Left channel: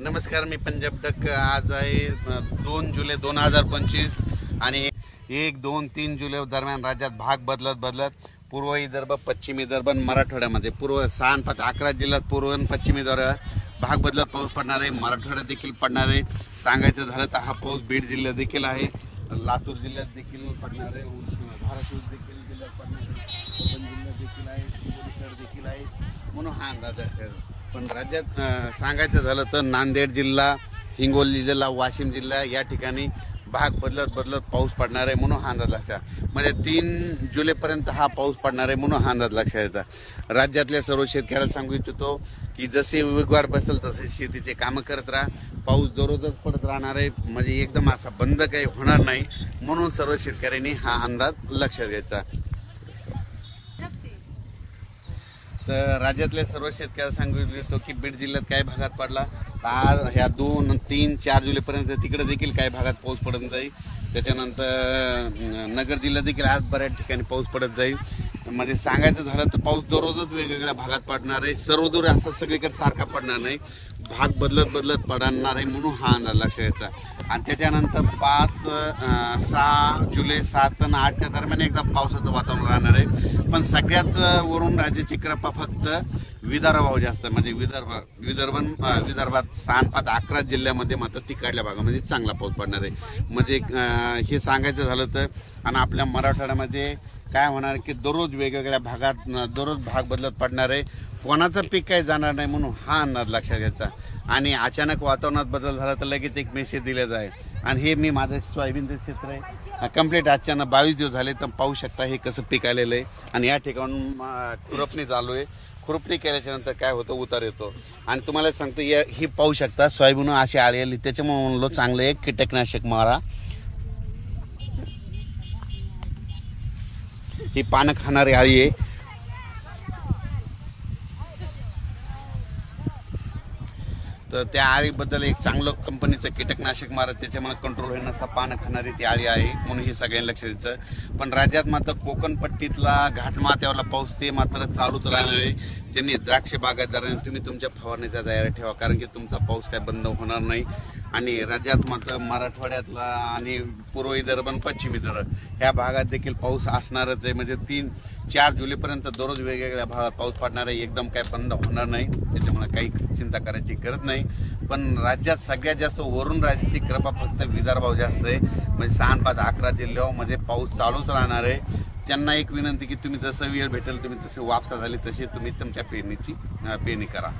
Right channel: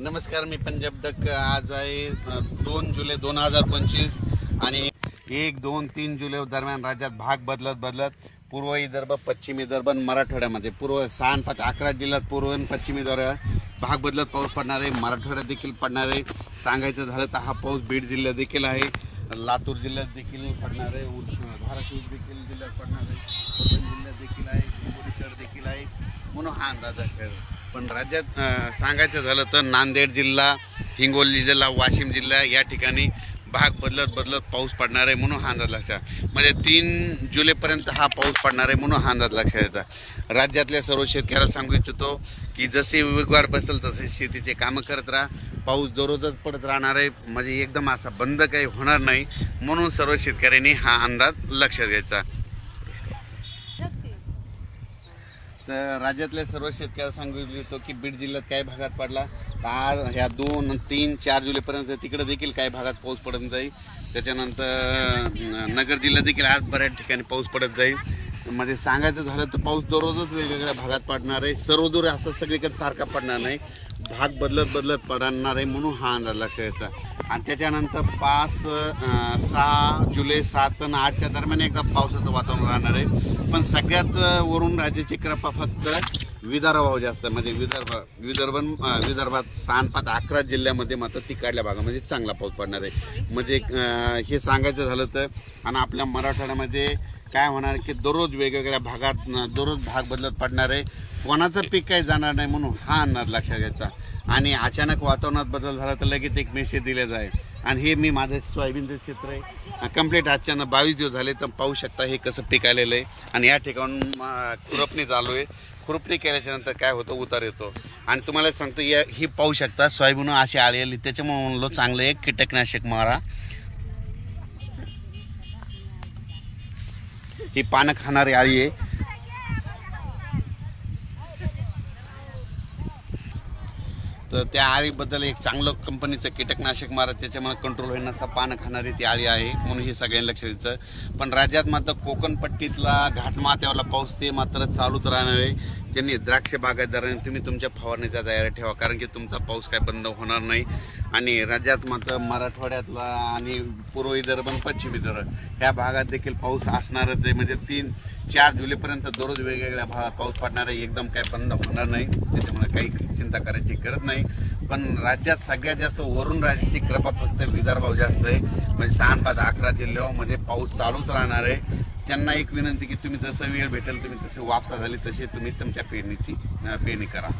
नमस्कार, मी पंजाब डक। आज आहे 2 जुलै 2025 आणि 1, 2, 3 जुलै दरम्यान राज्यात भाग बदलत पूर्व विदर्भ, पश्चिम विदर्भ, मराठवाड्यामध्ये पूर्व 6 5 11 जिल्ह्यात पूर्व आणि पश्चिम विदर्भ भाग बदलत पाऊस पडणार आहे। मराठवाड्यात देखील पडणार आहे। सांगायचं झालं तर हा पाऊस बीड जिल्ह्यात देखील आहे, लातूर जिल्ह्यात देखील पडणार आहे, धाराशिव देखील जिल्ह्यात पडणार आहे, परभणी जिल्ह्यात देखील आहे, हिंगोली देखील आहे, म्हणून हा अंदाज आहे। पण राज्यात सांगायचं झालं तर नांदेड जिल्हा, हिंगोली जिल्हा, वाशिम जिल्हा या ठिकाणी भाग बदलत पाऊस पडणार आहे, म्हणून हा अंदाज लक्षात म्हणजे 3 जुलैपर्यंत हा पाऊस पडणार आहे, म्हणून हा अंदाज लक्षात येतात। राज्यातल्या सर्व शेतकऱ्याला सांगू इच्छितो की जसे वेगवार बसेल तसे शेतीचे कामं करत राहा। पाऊस दररोजच पडत राहणार आहे, म्हणजे एकदम असा बंद काही होणार नाही, म्हणून सर्व शेतकऱ्यांनी हा अंदाज लक्षात घ्यायचा। तर राज्यातल्या सर्व शेतकऱ्याला सांगू इच्छितो की बीड जिल्ह्यात काही भागात पडला, आज ह्या 2, 3, 4 जुलैपर्यंत तिकडे देखील काही भागात पाऊस पडत जाईल। त्याच्यानंतर नगर जिल्ह्यात देखील आज बऱ्याच ठिकाणी पाऊस पडत जाईल। म्हणजे सांगायचं झालं तर पाऊस दररोजच वेगवेगळ्या भागात पडणार आहे, सर्वदूर असं सगळीकडे सारखा पडणार नाही, भाग बदलत पडणार आहे, म्हणून हा अंदाज लक्षात घ्यायचा। आणि त्याच्यानंतर 5, 6 जुलै 7 आणि 8च्या दरम्यान एकदा पावसाचं वातावरण राहणार आहे। पण सगळ्यात वरून राज्याची कृपा फक्त विदर्भावर जास्त, म्हणजे विदर्भात 6, 5, 11 जिल्ह्यामध्ये मात्र तिकडल्या भागामध्ये चांगला पाऊस पडणार आहे। म्हणजे हे सांगायचं झालं तर आणि आपल्या मराठवाड्यामध्ये काय होणार की दररोज वेगवेगळ्या भागात दररोज भाग बदलत पडणार आहे, कोणाचं पीक काही जाणार नाही, म्हणून हा अंदाज लक्षात घ्यायचा। आणि अचानक वातावरणात बदल झाला तर लगेच एक मेसेज दिला जाईल। आणि हे मी माझं सोयाबीनचे क्षेत्र आहे, कंप्लीट अचानक 22 दिवस झाले, तर पाहू शकता हे कसं पीक आलेलं आहे। आणि या ठिकाणून खुरपणी चालू आहे, खुरपणी केल्याच्या नंतर काय होतं, उतार येतो। आणि तुम्हाला सांगतो ही पाहू शकता सोयाबीन अशी आळी आली, त्याच्यामुळे म्हणलो चांगलं एक कीटकनाशक मारा। ही पानं खाणारी आळी आहे, तर त्या आळीबद्दल एक चांगलं कंपनीचं कीटकनाशक मारा, त्याच्यामुळे कंट्रोल होईल नसता पानं खाणारी ती आळी आहे, म्हणून हे सगळ्यांनी लक्ष द्यायचं। पण राज्यात मात्र कोकण पट्टीतला घाटमाथ्यावरला पाऊस ते मात्र चालूच राहणार आहे। त्यांनी द्राक्ष बागायतदारांनी तुम्ही तुमच्या फवारणीच्या तयारी ठेवा, कारण की तुमचा पाऊस काय बंद होणार नाही। आणि राज्यात मात्र मराठवाड्यातला आणि पूर्व विदर्भ आणि पश्चिम विदर्भ ह्या भागात देखील पाऊस असणारच आहे। म्हणजे 3, 4 जुलैपर्यंत दररोज वेगवेगळ्या भागात पाऊस पडणार आहे, एकदम काय बंद होणार नाही, त्याच्यामुळे काही चिंता करायची गरज नाही। पण राज्यात सगळ्यात जास्त वरून राज्याची कृपा फक्त विदर्भावर जास्त आहे, म्हणजे 6, 5, 11 जिल्ह्यामध्ये पाऊस चालूच राहणार आहे। त्यांना एक विनंती की तुम्ही जसं वेळ भेटेल तुम्ही तसे वापसा झाली तसे तुम्ही तुमच्या पेरणीची पेरणी करा।